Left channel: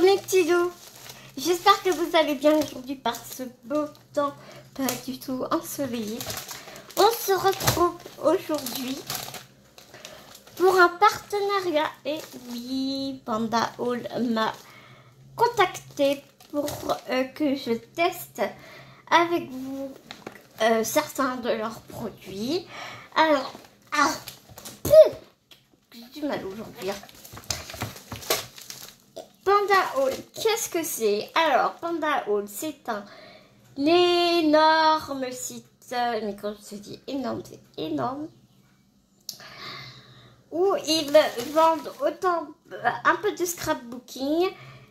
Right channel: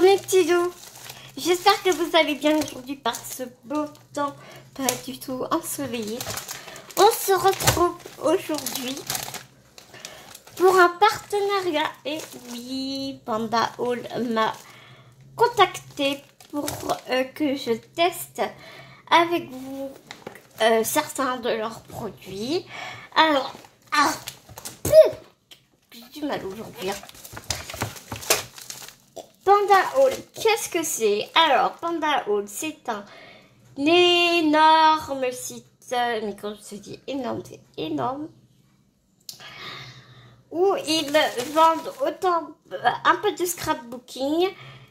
Mes petits loups, j'espère que vous allez bien aujourd'hui par ce beau temps pas du tout ensoleillé. On se retrouve aujourd'hui pour un partenariat. Et oui, Panda Hall m'a contacté pour que je teste avec vous certains de leurs produits. Alors, j'ai du mal aujourd'hui. Panda Hall, qu'est-ce que c'est? Alors, Panda Hall, c'est un énorme site, mais quand je dis énorme, c'est énorme, où ils vendent autant un peu de scrapbooking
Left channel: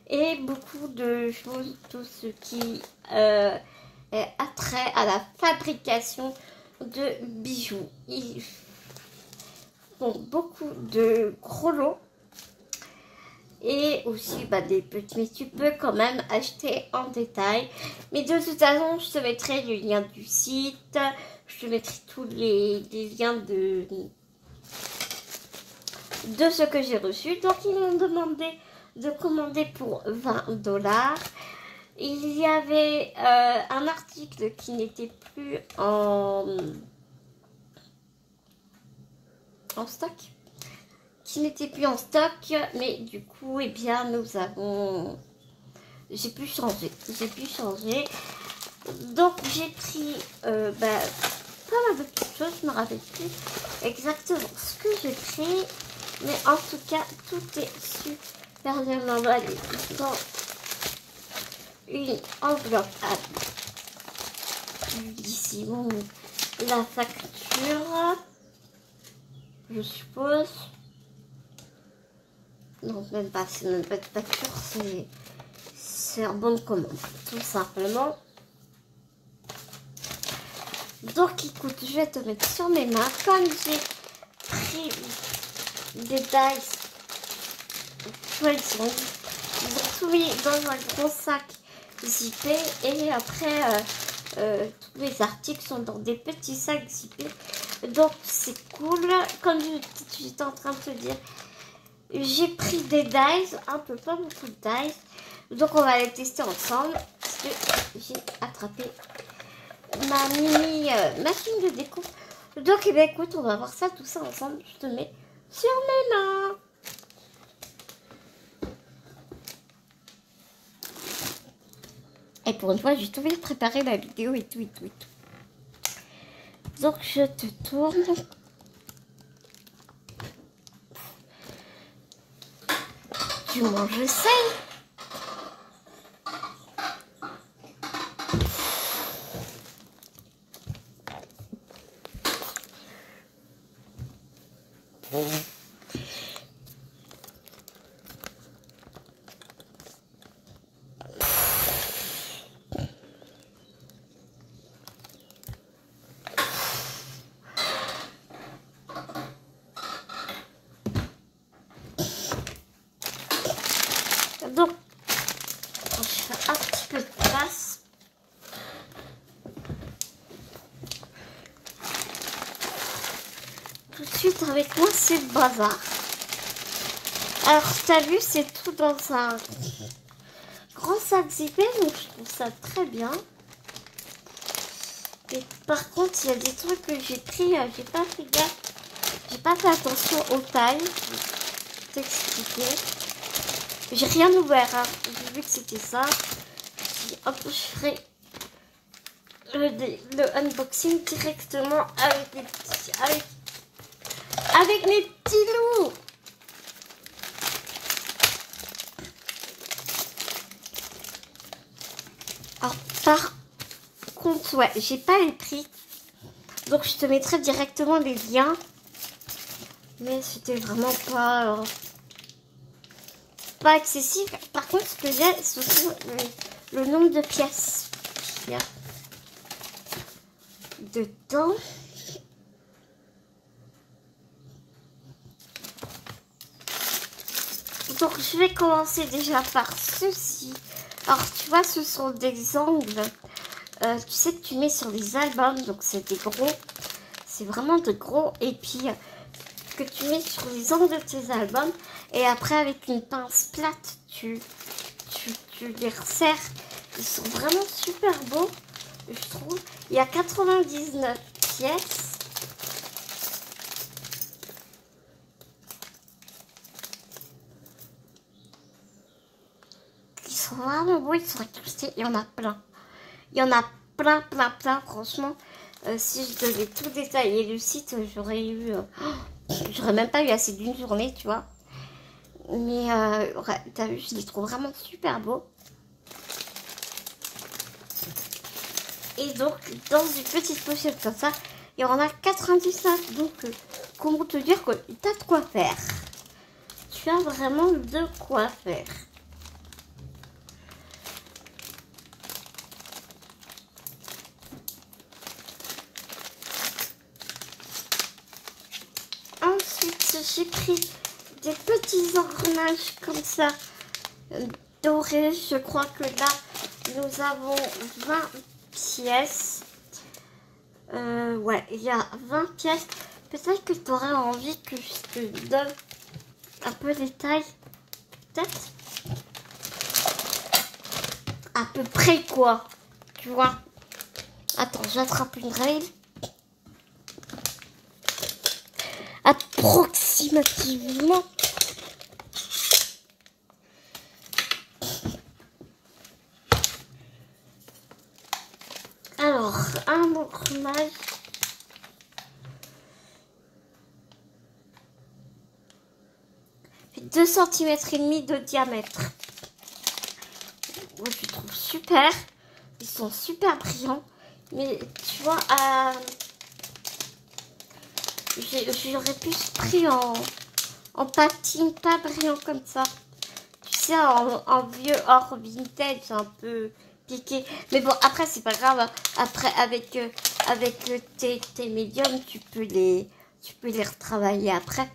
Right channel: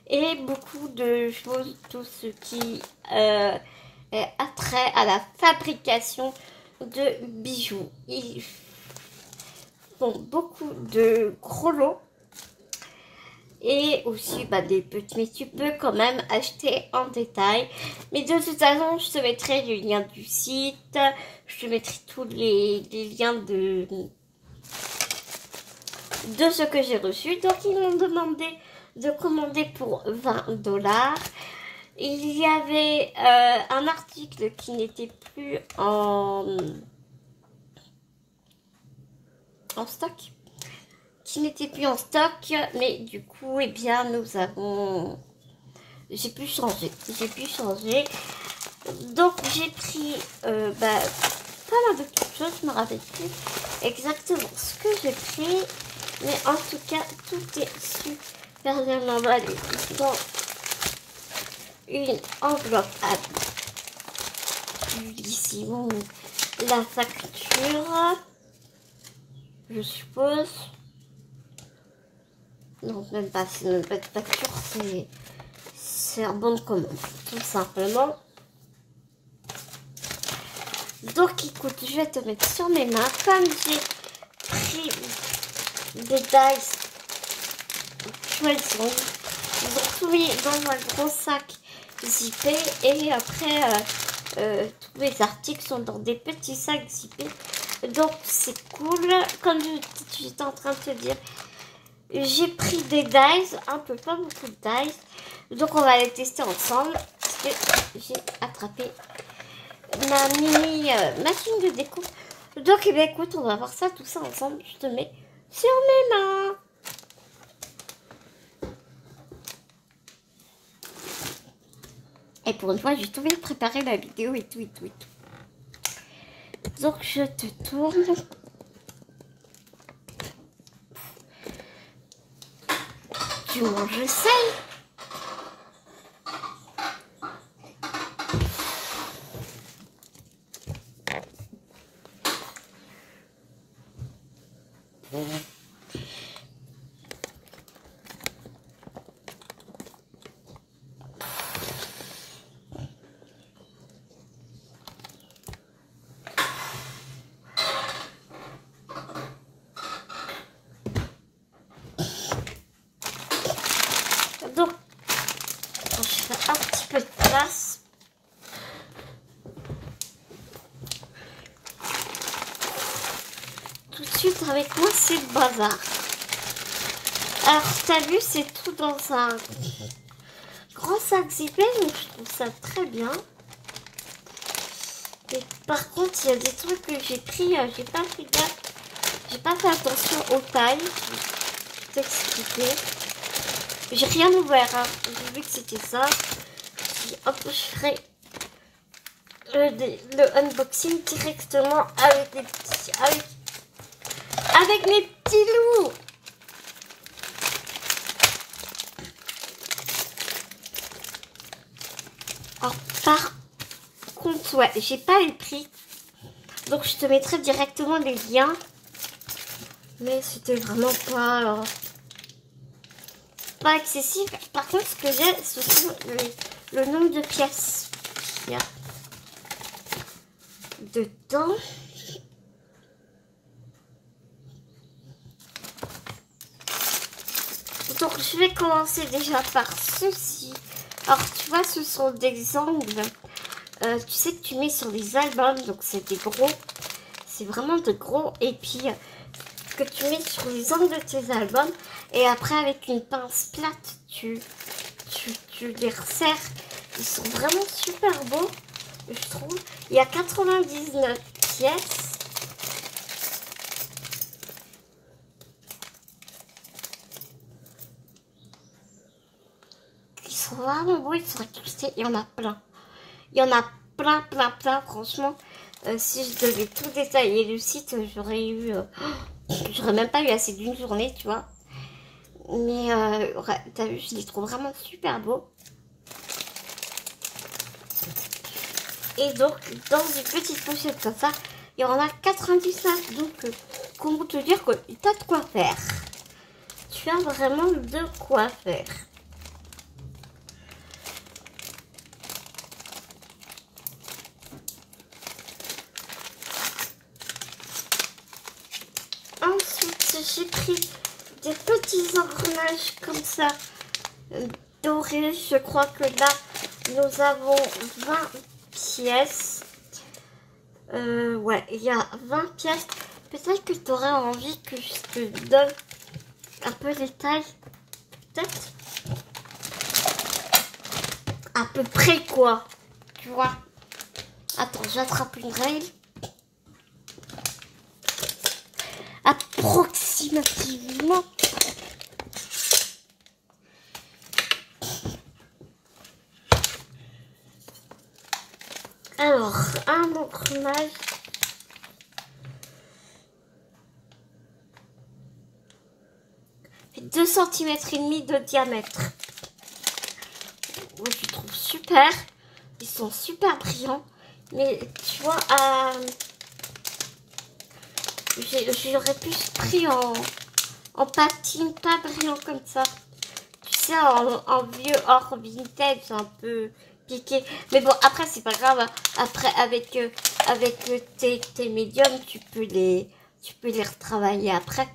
et beaucoup de choses, tout ce qui est attrait à la fabrication de bijoux. Ils font beaucoup de gros lots. Et aussi des petits, mais tu peux quand même acheter en détail. Mais de toute façon, je te mettrai le lien du site. Je te mettrai tous les liens de ce que j'ai reçu. Donc, ils m'ont demandé de commander pour 20$. Il y avait un article qui n'était plus en stock. Qui n'était plus en stock, mais du coup, eh bien, j'ai pu changer. Donc, j'ai pris pas mal de petites choses. Je me rappelle plus exactement ce que j'ai pris, mais en tout cas, tout est super bien emballé dans une enveloppe à ici, bon, la facture, je suppose. Non, même pas, c'est même pas de facture, c'est un bon de commande, tout simplement. Donc écoute, je vais te mettre sur mes mains. Comme j'ai pris des dice, tu vois, ils ont tout mis dans un gros sac zippé. Et après, tous les articles sont dans des petits sacs zippés. Donc c'est cool. Comme j'étais en train de te dire, j'ai pris des dies, un peu pas beaucoup de dies. Donc on va les tester ensemble. Parce que j'ai attrapé ma mini machine de découpe. Donc eh bien, écoute, on va voir ça, tout ça ensemble. Je te mets sur mes mains. Et pour une fois, j'ai tout bien préparé la vidéo et tout. Donc je te tourne. Du moins, je sais. Donc, je fais un petit peu de place. Tout de suite avec moi, c'est le bazar. Alors, tu as vu, c'est tout dans un grand sac zippé, donc je trouve ça très bien. Et par contre, il y a des trucs que j'ai pris, j'ai pas fait gaffe. J'ai pas fait attention aux tailles. Je vais t'expliquer. J'ai rien ouvert, hein. J'ai vu que c'était ça. Hop, je ferai le unboxing directement avec les petits, avec mes petits loups. Alors, par contre, ouais, j'ai pas les prix. Donc, je te mettrai directement les liens. Mais c'était vraiment pas accessible. Par contre, ce que j'ai, ce sont le nombre de pièces qu'il y a dedans. Donc, je vais commencer déjà par ceci. Alors, tu vois, ce sont des angles. Tu sais que tu mets sur les albums. Donc, c'est des gros. C'est vraiment de gros. Et puis, que tu mets sur les angles de tes albums. Et après, avec une pince plate, tu tu les resserres. Ils sont vraiment super beaux, je trouve. Il y a 99 pièces. Ils sont vraiment beaux, ils sont incrustés. Il y en a plein. Il y en a plein, plein, plein. Franchement, si je devais tout détailler le site, j'aurais même pas eu assez d'une journée, tu vois. Mais ouais, t'as vu, je les trouve vraiment super beaux. Et donc, dans une petite pochette comme ça, il y en a 99. Donc, comment te dire que t'as de quoi faire. Tu as vraiment de quoi faire. Ensuite, j'ai pris des petits engrenages comme ça, dorés. Je crois que là, nous avons 20 pièces. Ouais, il y a 20 pièces. Peut-être que tu aurais envie que je te donne un peu les tailles. Peut-être. À peu près quoi. Tu vois. Attends, j'attrape une règle. Approximativement. Alors, un engrenage. Fait 2 cm et demi de diamètre. Moi, je trouve super. Ils sont super brillants. Mais tu vois, j'aurais pu se pris en patine pas brillant comme ça. Tu sais, en vieux or vintage, un peu piqué. Mais bon, après, c'est pas grave. Après, avec tes médiums, tu peux les retravailler après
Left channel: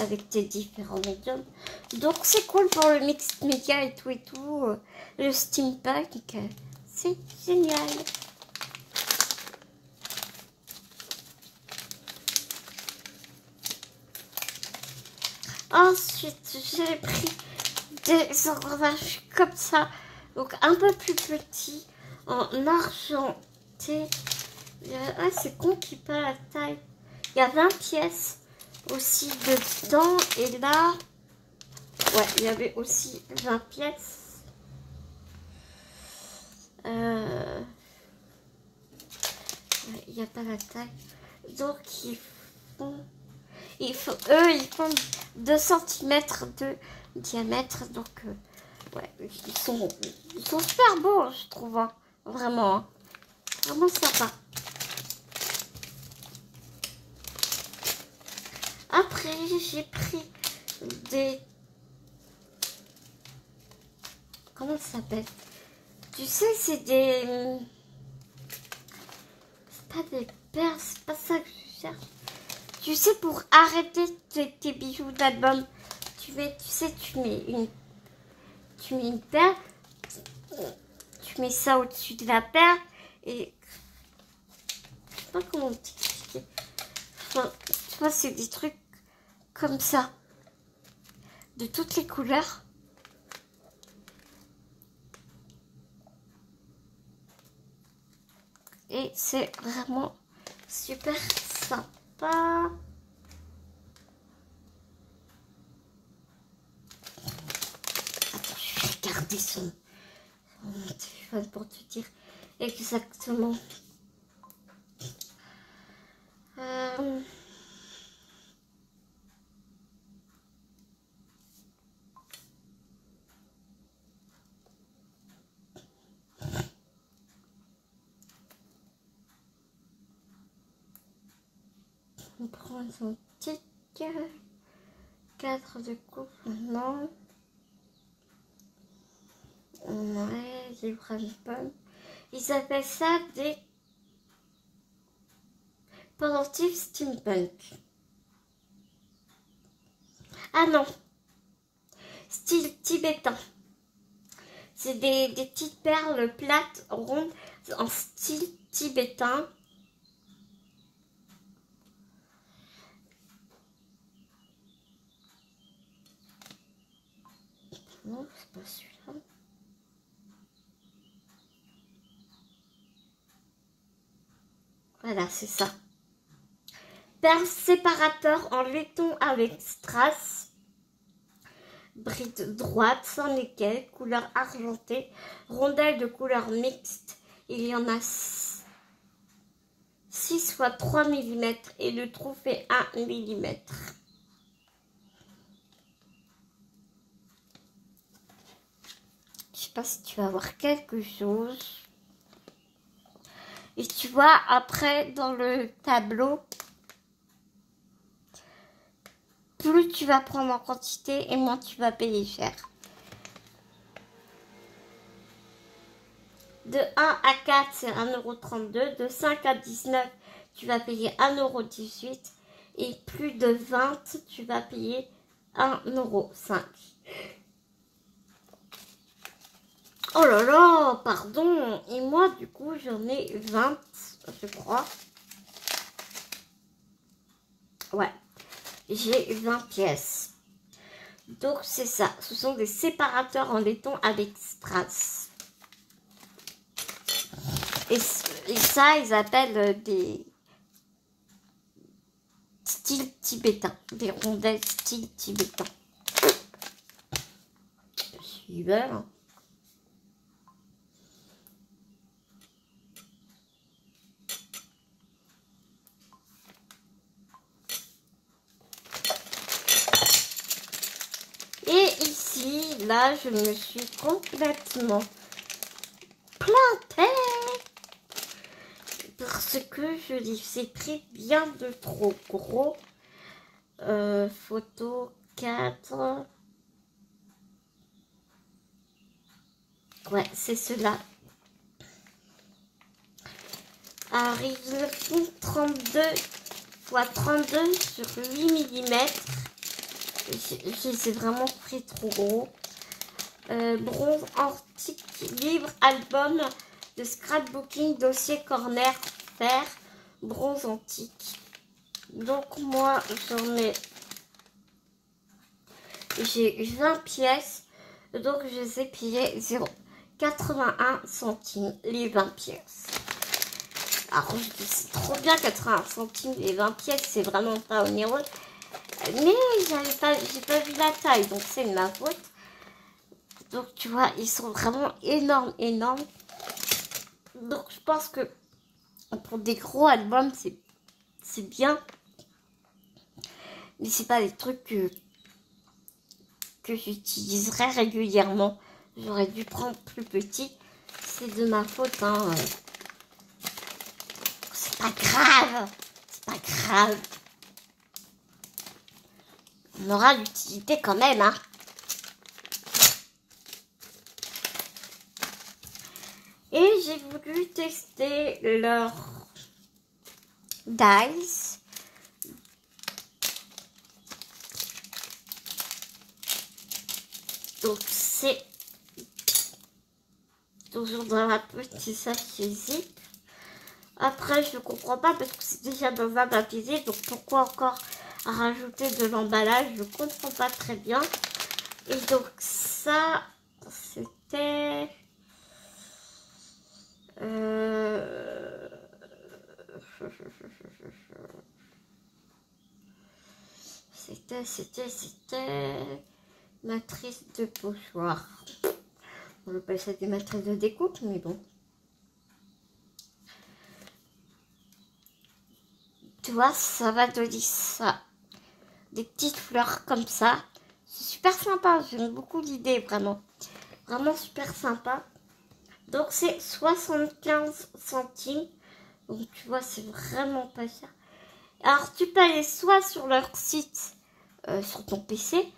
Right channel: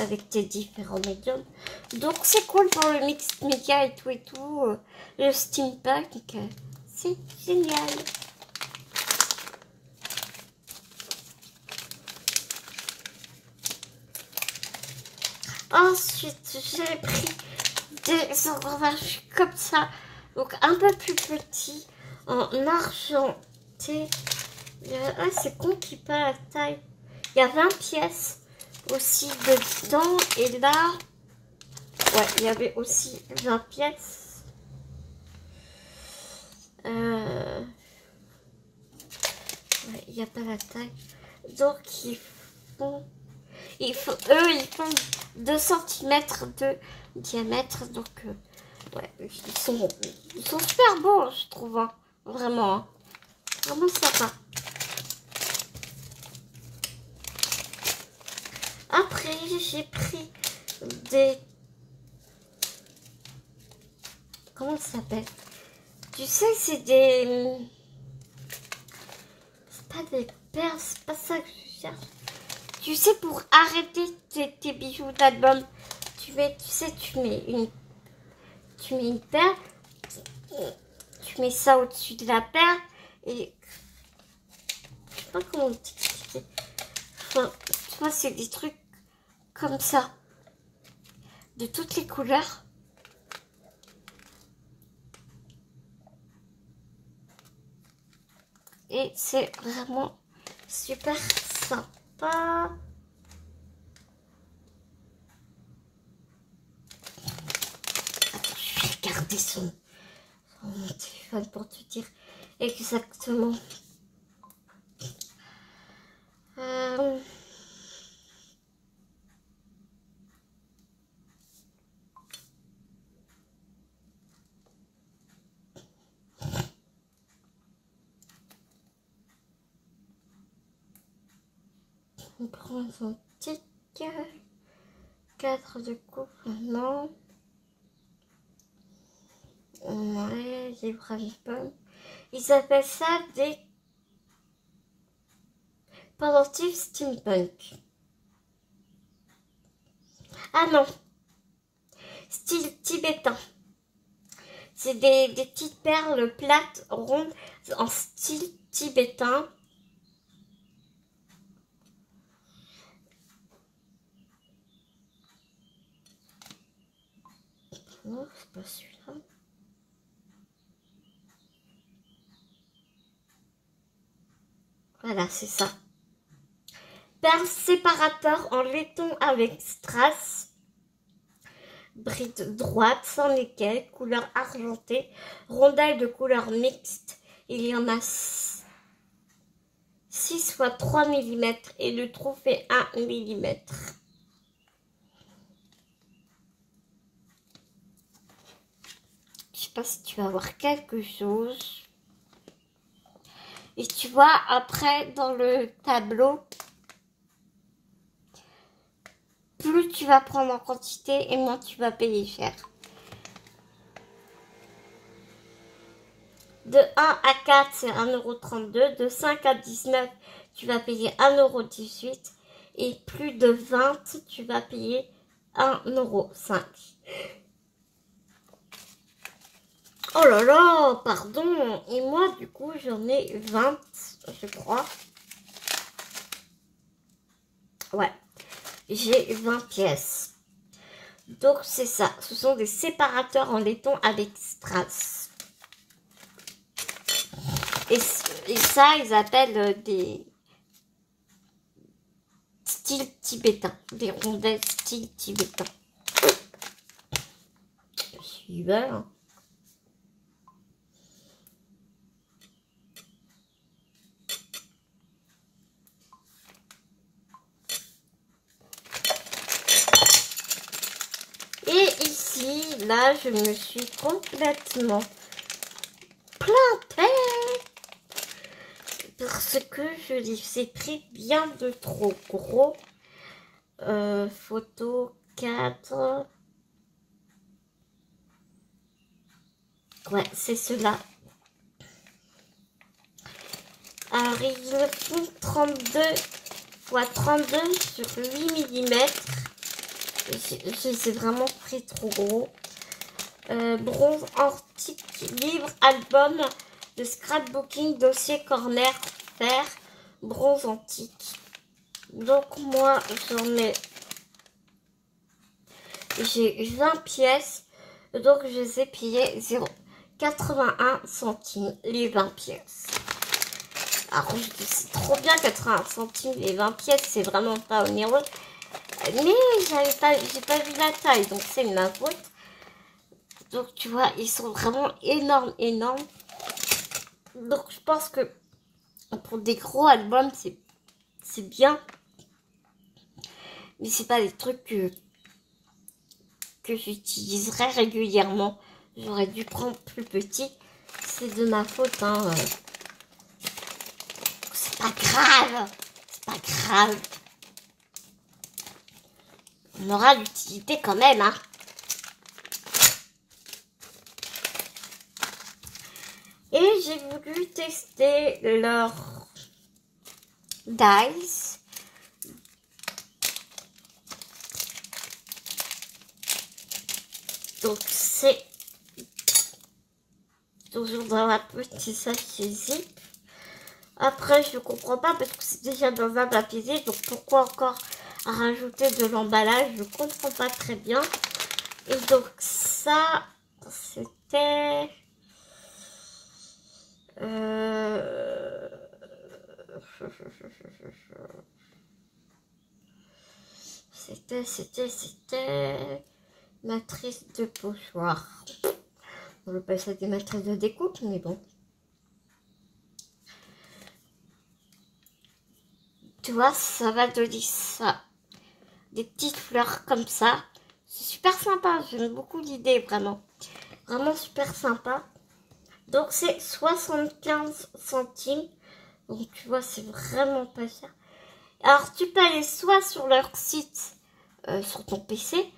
avec tes différents médiums. Donc, c'est cool pour le mixed media et tout. Le steampunk, c'est génial. Ensuite, j'ai pris des engrenages comme ça, donc un peu plus petits, en argenté. Ah, c'est con qu'il pas la taille. Il y a 20 pièces aussi dedans, et là, ouais, il y avait aussi 20 pièces. Ouais, il n'y a pas la taille. Donc, ils font 2 cm de diamètre. Donc, ouais, ils sont super beaux, je trouve. Hein. Vraiment. Hein. Vraiment sympa. Après, j'ai pris des... Comment ça s'appelle? Tu sais, c'est des... C'est pas des perles, c'est pas ça que je cherche. Tu sais, pour arrêter tes bijoux d'album, tu mets une perle, tu mets ça au-dessus de la perle et je sais pas comment t'expliquer. Enfin, tu vois, c'est des trucs comme ça, de toutes les couleurs. Et c'est vraiment super sympa. Attends, je vais regarder son téléphone pour te dire exactement. On prend son petit cadre de coupe, non. Ouais, les braves pommes. Ils appellent ça des pendentifs steampunk. Ah non, style tibétain. C'est des petites perles plates, rondes, en style tibétain. Non, c'est pas celui-là. Voilà, c'est ça. Perle séparateur en laiton avec strass. Bride droite, sans nickel, couleur argentée. Rondelle de couleur mixte. Il y en a 6 fois 3 mm et le trou fait 1 mm. Je sais pas si tu vas voir quelque chose. Et tu vois, après, dans le tableau, plus tu vas prendre en quantité et moins tu vas payer cher. De 1 à 4, c'est 1,32 €. De 5 à 19, tu vas payer 1,18 €. Et plus de 20, tu vas payer 1,05 €. Oh là là, pardon. Et moi, du coup, j'en ai 20, je crois. Ouais, j'ai 20 pièces. Donc, c'est ça. Ce sont des séparateurs en laiton avec strass. Et ça, ils appellent des styles tibétains. Des rondelles style tibétain. Super. Et ici, là, je me suis complètement plantée. Parce que je les ai pris bien de trop gros. Photo 4. Ouais, c'est ceux-là. Alors, ils font 32 x 32 sur 8 mm. Je les ai vraiment pris trop gros. Bronze antique, livre, album de scrapbooking, dossier corner, fer, bronze antique. Donc moi, j'ai 20 pièces. Donc je les ai payées 0,81 centimes les 20 pièces. Alors je dis c'est trop bien 81 centimes les 20 pièces, c'est vraiment pas onéreux. Mais j'ai pas vu la taille, donc c'est de ma faute. Donc tu vois, ils sont vraiment énormes, énormes. Donc je pense que pour des gros albums, c'est bien. Mais c'est pas des trucs que j'utiliserai régulièrement. J'aurais dû prendre plus petit. C'est de ma faute, hein. C'est pas grave. C'est pas grave. On aura l'utilité quand même, hein. Et j'ai voulu tester leur dice. Donc c'est toujours dans la petite sachet zip. Après je comprends pas parce que c'est déjà dans un papier zip. Donc pourquoi encore rajouter de l'emballage? Je comprends pas très bien. Et donc ça c'était... C'était matrice de pochoir. On appelle ça des matrices de découpe, mais bon. Tu vois, ça va donner ça. Des petites fleurs comme ça. C'est super sympa, j'aime beaucoup l'idée, vraiment. Vraiment super sympa. Donc c'est 75 centimes. Donc tu vois, c'est vraiment pas cher. Alors tu peux aller soit sur leur site, sur ton PC,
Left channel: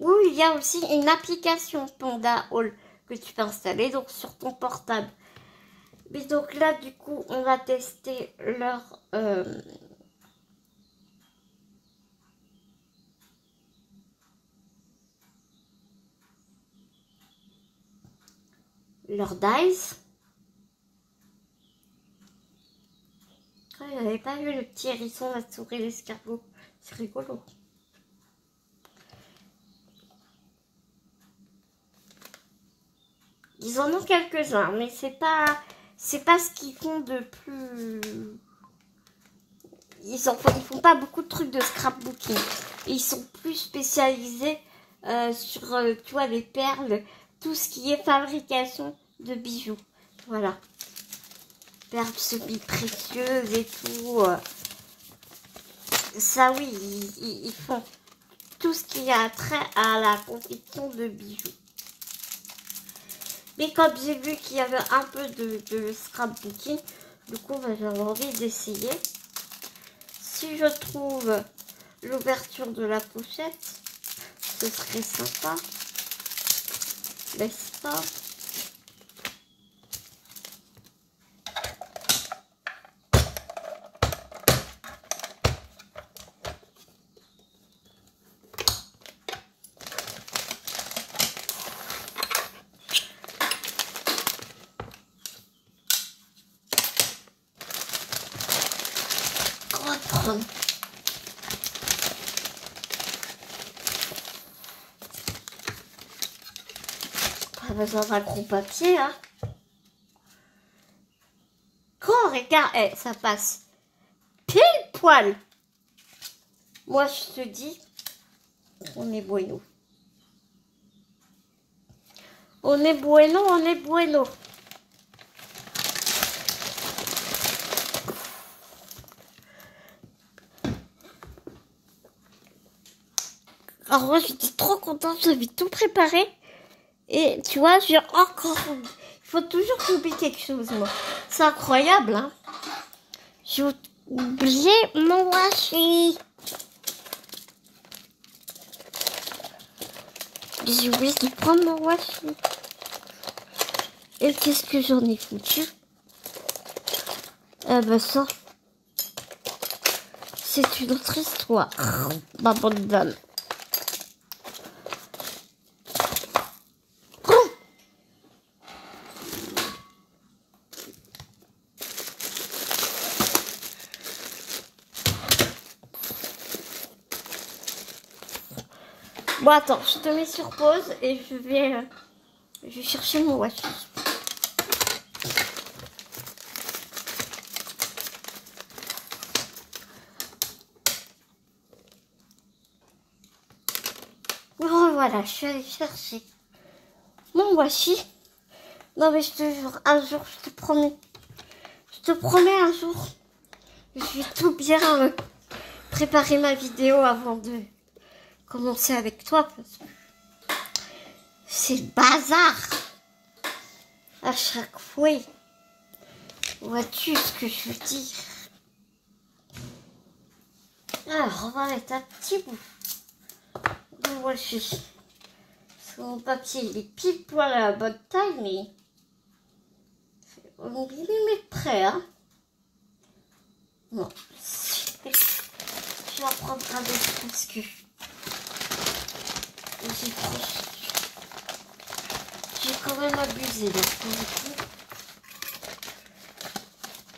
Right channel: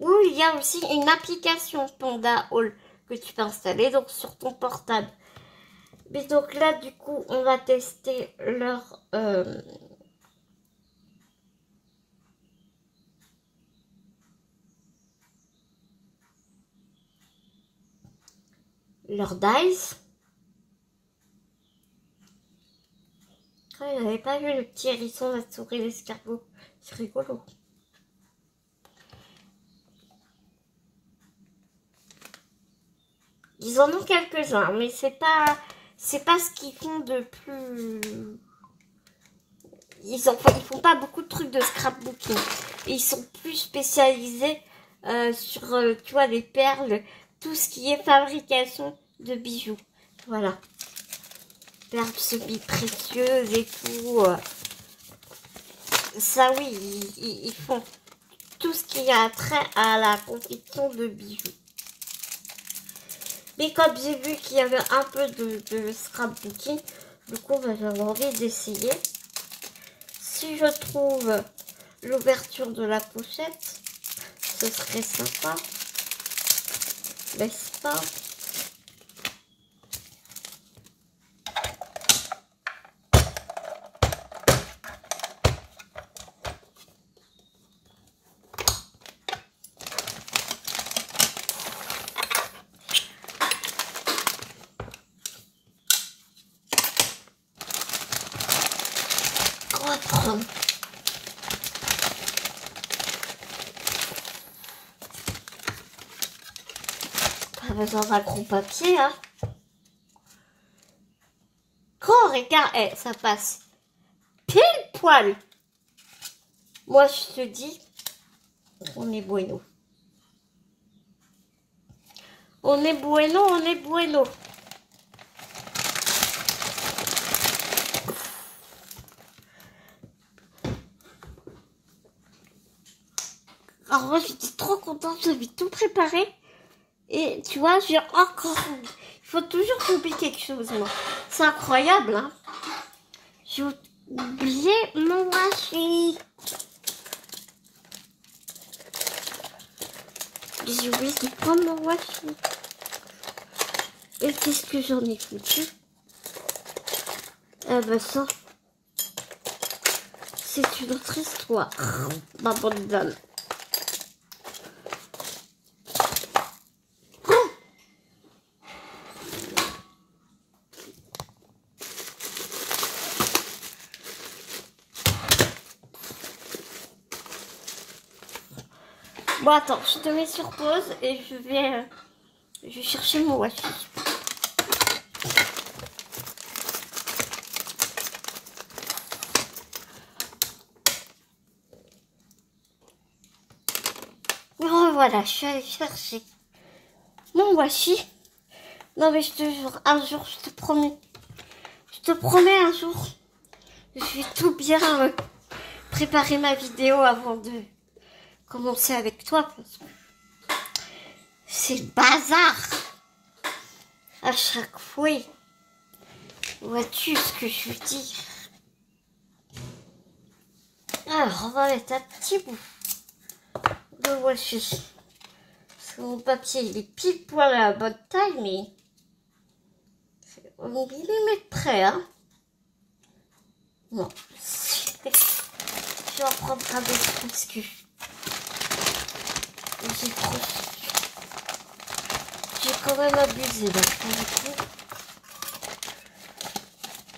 ou il y a aussi une application Panda Hall que tu peux installer donc sur ton portable. Mais donc là du coup on va tester leur dice. Je n'avais pas vu le petit hérisson, la souris, l'escargot. C'est rigolo. Ils en ont quelques-uns, mais c'est pas ce qu'ils font de plus ils font pas beaucoup de trucs de scrapbooking. Ils sont plus spécialisés sur, tu vois, les perles, tout ce qui est fabrication de bijoux. Voilà. Perles semi-précieuses et tout. Ça, oui, ils font tout ce qui a trait à la confection de bijoux. Mais comme j'ai vu qu'il y avait un peu de scrapbooking, du coup, bah, j'avais envie d'essayer. Si je trouve l'ouverture de la pochette, ce serait sympa. N'est-ce pas? Pas besoin d'un gros papier, hein. Quand regarde, ça passe pile poil. Moi, je te dis, on est bueno. On est bueno, on est bueno. Alors moi, j'étais trop contente, j'avais tout préparé. Et tu vois, j'ai encore... Il faut toujours que j'oublie quelque chose, moi. C'est incroyable, hein. J'ai oublié mon washi. J'ai oublié de prendre mon washi. Et qu'est-ce que j'en ai foutu? Eh ben ça, c'est une autre histoire. Ma bonne dame. Bon, attends, je te mets sur pause et je vais chercher mon washi. Oh, voilà, je suis allée chercher mon washi. Non, mais je te jure, un jour, je te promets un jour, je vais tout bien préparer ma vidéo avant de commencer avec toi. Parce que c'est le bazar à chaque fois. Vois-tu ce que je veux dire? Alors, on va mettre un petit bout de washi. Parce que mon papier, il est pile poil à la bonne taille, mais c'est au millimètre près, hein. Non, je vais en prendre un autre parce que j'ai quand même abusé là.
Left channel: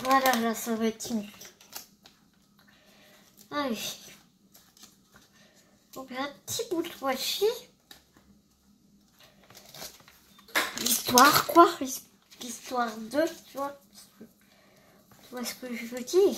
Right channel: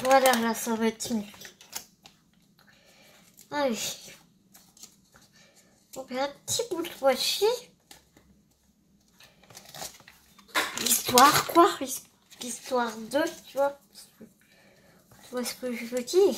Voilà, là, ça va être mieux. Allez. On met un petit bout de washi. L'histoire, quoi. L'histoire de, tu vois. Tu vois ce que je veux dire?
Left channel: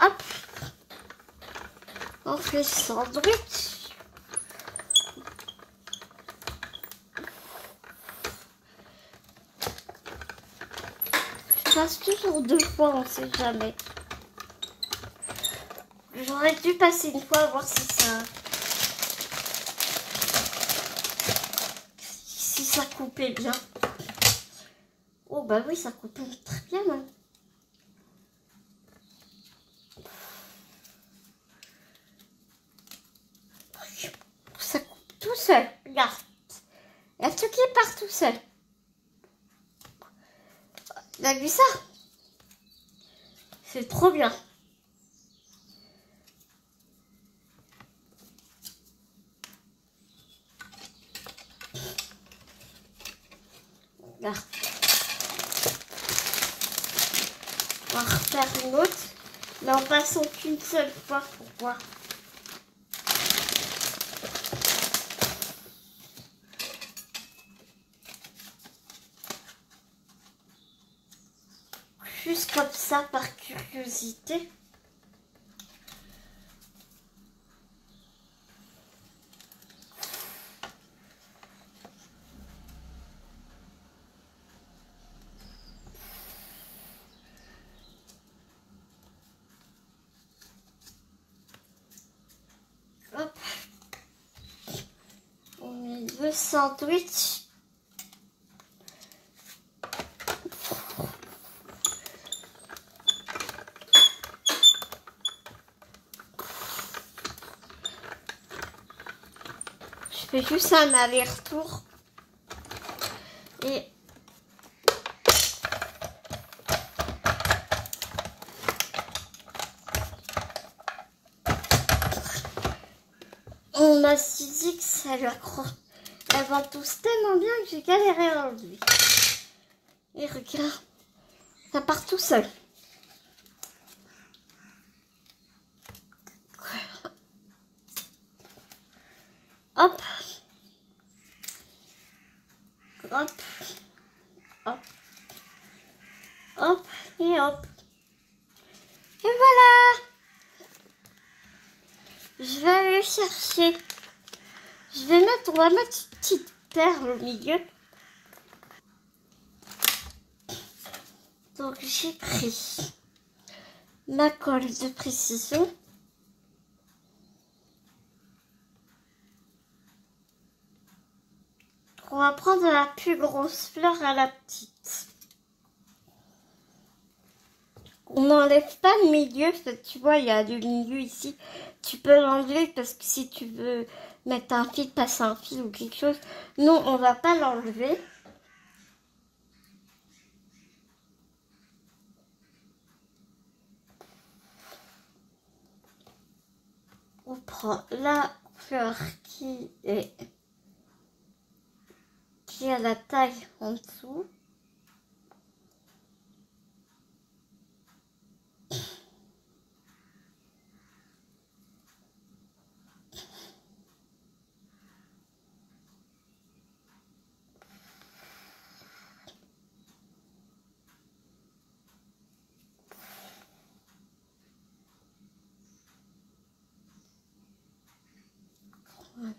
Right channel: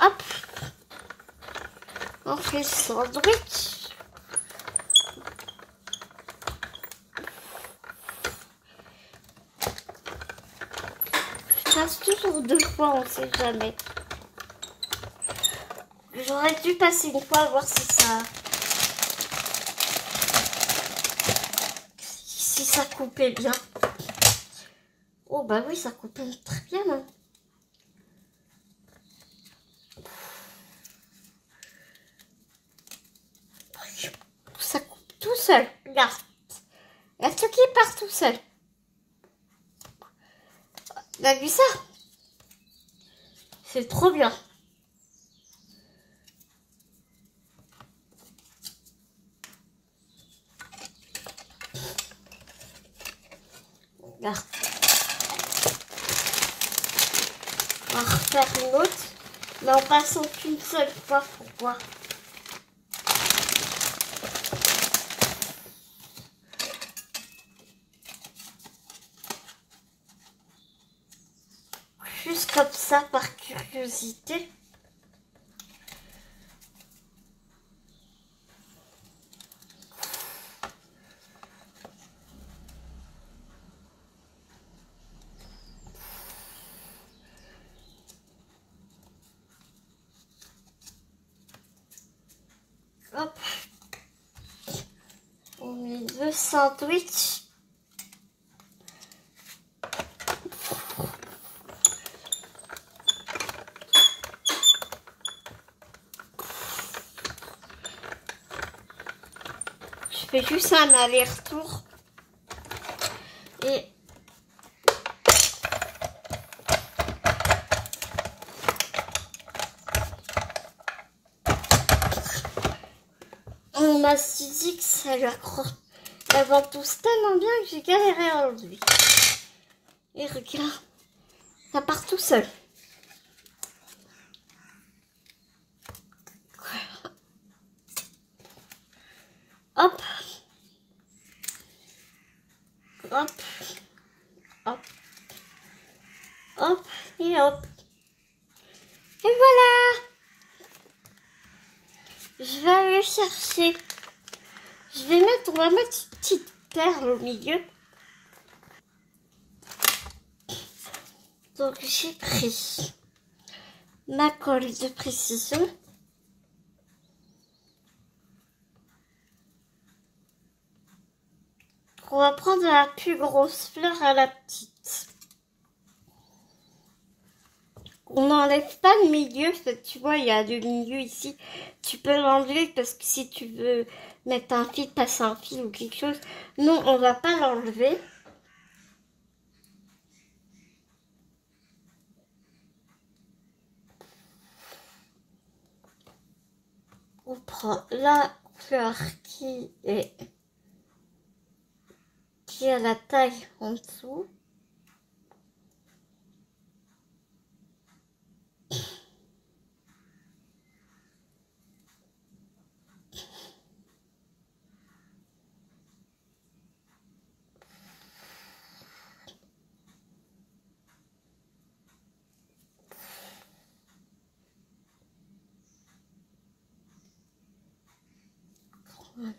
Hop. On fait le sandwich. Je passe toujours 2 fois, on sait jamais. J'aurais dû passer une fois, voir si ça coupait bien. Oh bah oui, ça coupe très bien, hein. Ça coupe tout seul, regarde. Il y a tout qui part tout seul. Tu as vu ça? C'est trop bien. Regarde. On va refaire une autre, mais en passant qu'une seule fois pour voir. Juste comme ça, par curiosité. Hop. On met deux sandwichs. Je fais juste un aller-retour. Et on m'a dit que ça lui accroche. Elles vont tous tellement bien que j'ai galéré à enlever. Et regarde, ça part tout seul. Hop. Hop. Hop. Hop. Et hop. Et voilà. Je vais aller chercher. On va mettre une petite perle au milieu. Donc j'ai pris ma colle de précision. On va prendre la plus grosse fleur à la petite. On n'enlève pas le milieu, tu vois, il y a du milieu ici. Tu peux l'enlever parce que si tu veux mettre un fil, passer un fil ou quelque chose. Non, on va pas l'enlever. On prend la fleur qui a la taille en dessous.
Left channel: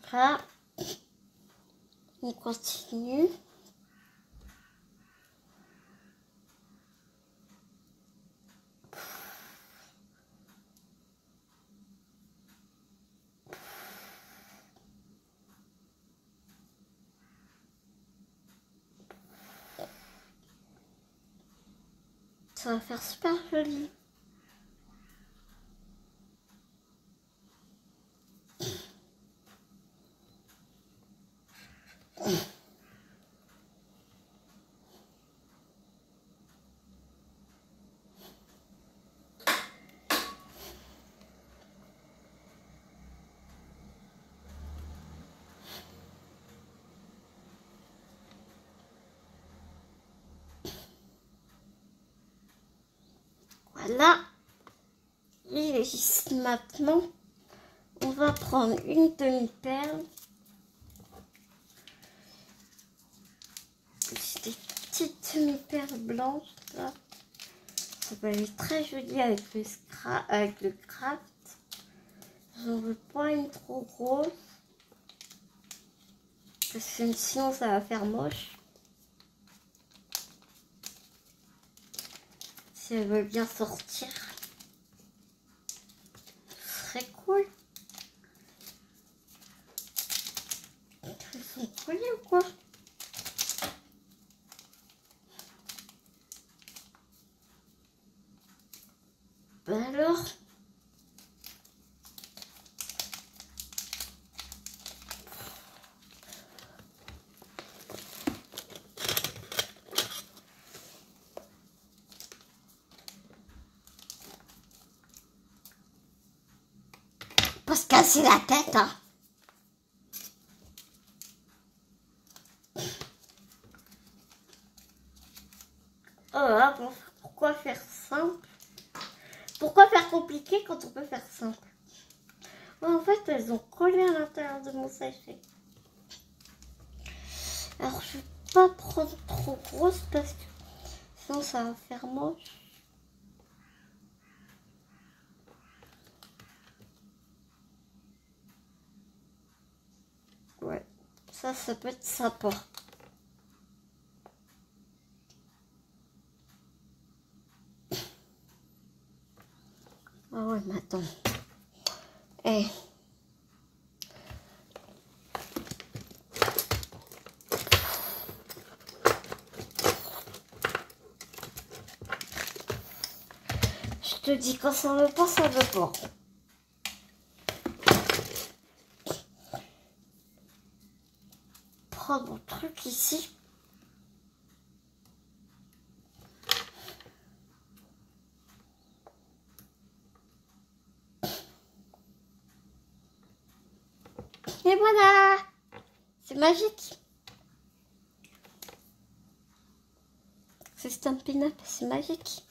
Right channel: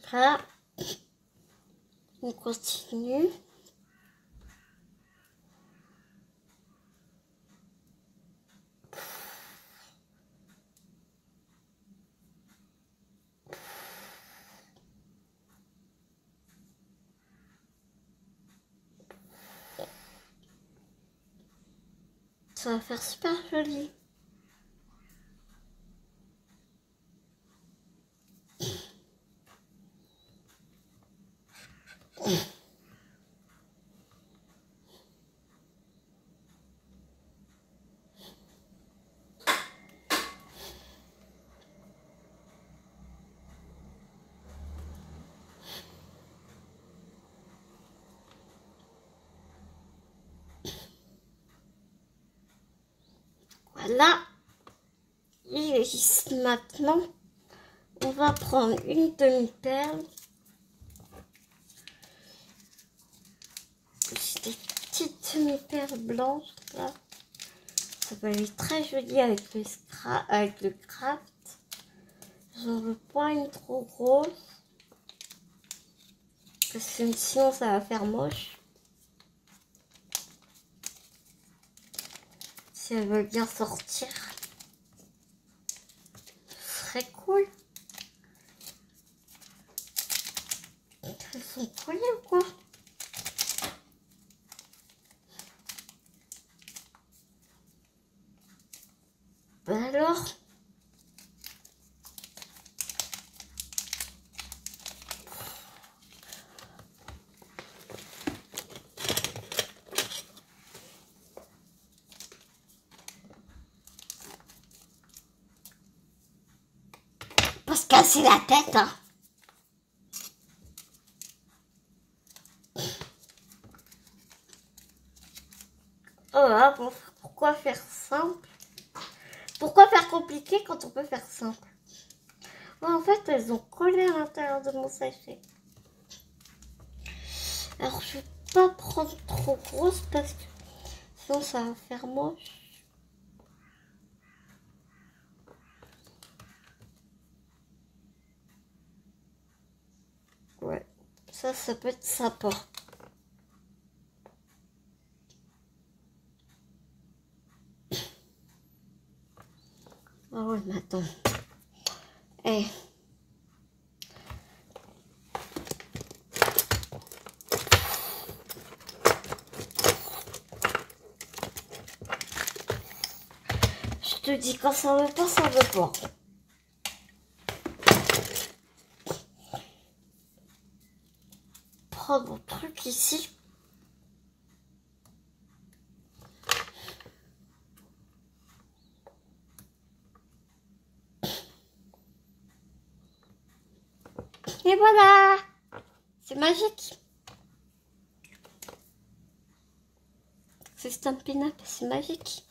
Voilà. On continue. Ça va faire super joli. Voilà. Et maintenant, on va prendre une demi-perle. J'ai des petites demi-perles blanches là. Ça va aller très joli avec le craft. J'en veux pas une trop grosse. Parce que sinon ça va faire moche. Si elle veut bien sortir. Ce serait cool. Elles sont collées ou quoi? Ben alors. Pas se casser la tête, hein. compliqué quand on peut faire simple. Ouais, en fait, elles ont collé à l'intérieur de mon sachet. Alors, je vais pas prendre trop grosse parce que sinon ça va faire moche. Ouais, ça peut être sympa. Ah ouais, mais attends. Eh. Je te dis, quand ça veut pas, ça veut pas. Prendre mon truc ici. Et voilà, c'est magique. C'est Stampin' Up, c'est magique.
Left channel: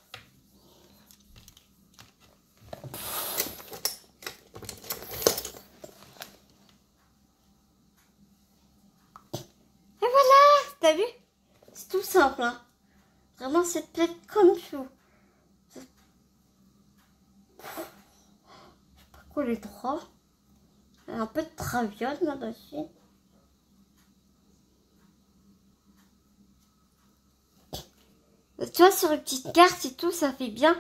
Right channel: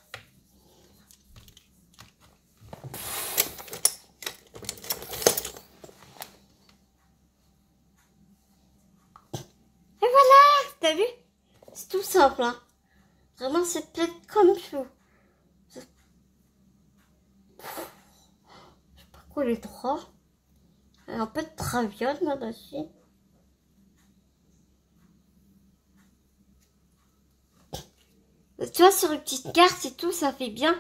Et voilà, t'as vu? C'est tout simple, hein. Vraiment, c'est peut-être comme chou. Je sais pas quoi les trois. Un peu de traviole là-dessus. Tu vois, sur une petite carte et tout, ça fait bien.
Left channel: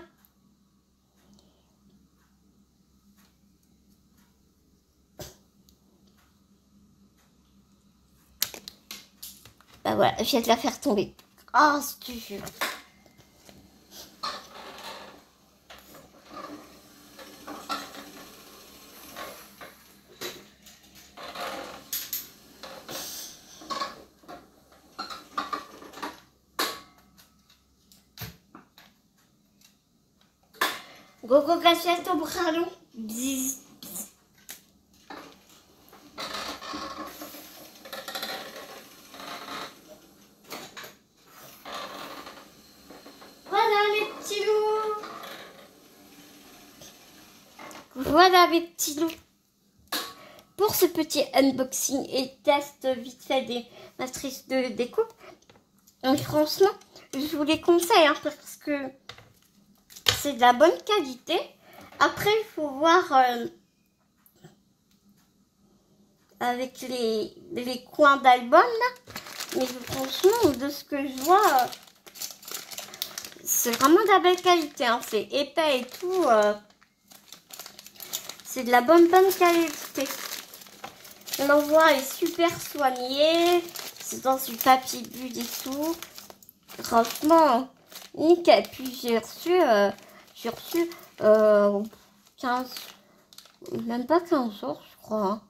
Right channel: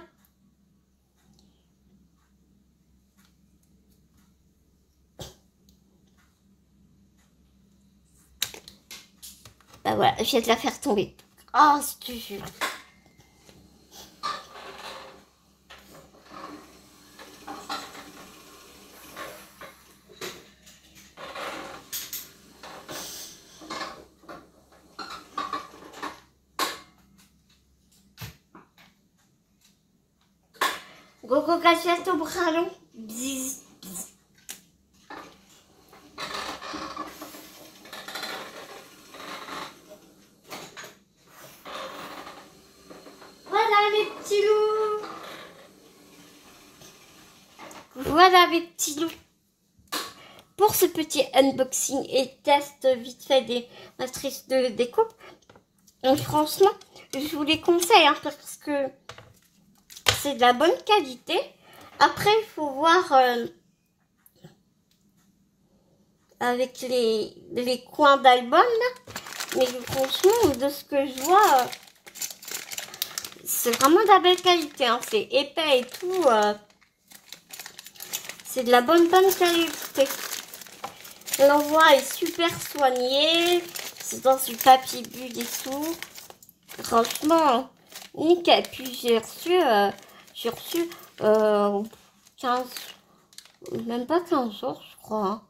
Bah voilà, je vais te la faire tomber. Oh, je te jure. Gogo Gachiato Bralo. Bzz. Voilà mes petits loups. Voilà mes petits loups. Pour ce petit unboxing et test vite fait des matrices de découpe, donc franchement, je vous les conseille hein, parce que c'est de la bonne qualité. Après, il faut voir avec les coins d'album là. Mais franchement, de ce que je vois, c'est vraiment de la belle qualité. Hein. C'est épais et tout. C'est de la bonne qualité. L'envoi est super soigné. C'est dans du papier bulle et tout. Franchement, nickel. Puis j'ai reçu 15, même pas 15 jours, je crois. Hein.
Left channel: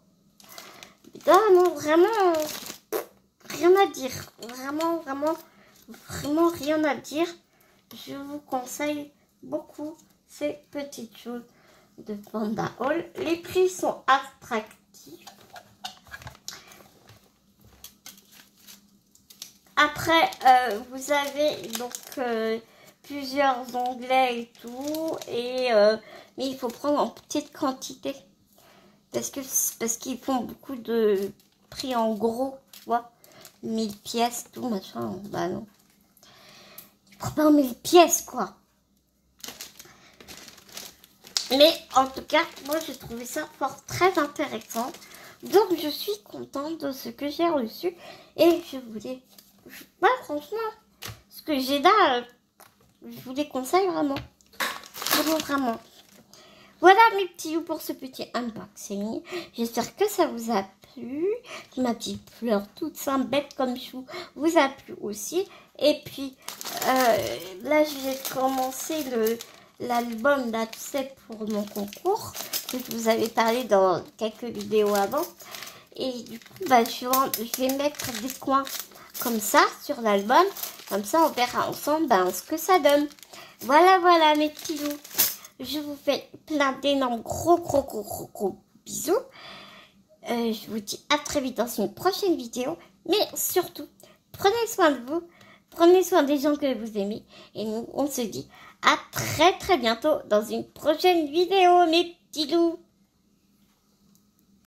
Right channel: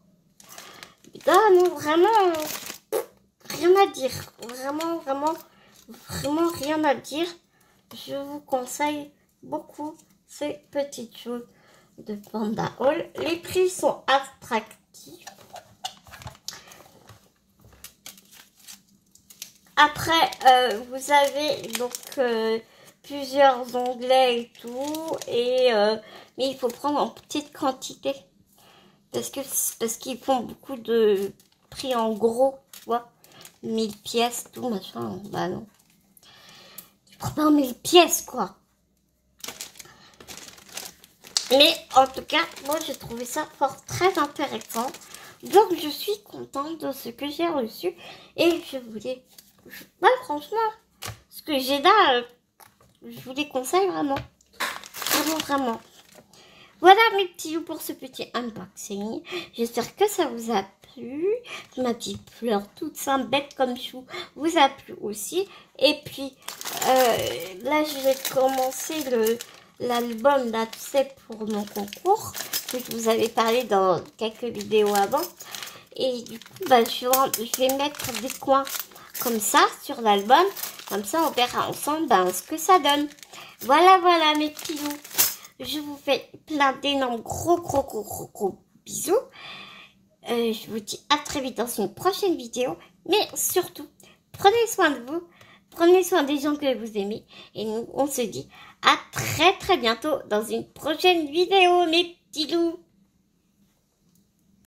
Putain, non, vraiment, rien à dire. Vraiment rien à dire. Je vous conseille beaucoup ces petites choses de Panda Hall. Les prix sont attractifs. Après, vous avez donc plusieurs onglets et tout, et mais il faut prendre en petite quantité parce qu'ils font beaucoup de prix en gros, tu vois, 1000 pièces, tout machin. Bah non, tu prends pas 1000 pièces quoi. Mais en tout cas, moi j'ai trouvé ça fort très intéressant. Donc je suis contente de ce que j'ai reçu et je voulais, franchement, ce que j'ai là, je vous les conseille vraiment. Vraiment. Voilà mes petits loups pour ce petit unboxing. J'espère que ça vous a plu. Ma petite fleur toute simple, bête comme chou, vous a plu aussi. Et puis là, je vais commencer l'album là, tu sais, pour mon concours que je vous avais parlé dans quelques vidéos avant. Et du coup, bah, je vais mettre des coins comme ça sur l'album. Comme ça, on verra ensemble ce que ça donne. Voilà mes petits loups. Je vous fais plein d'énormes gros bisous. Je vous dis à très vite dans une prochaine vidéo. Mais surtout, prenez soin de vous. Prenez soin des gens que vous aimez. Et nous, on se dit à très bientôt dans une prochaine vidéo, mes petits loups.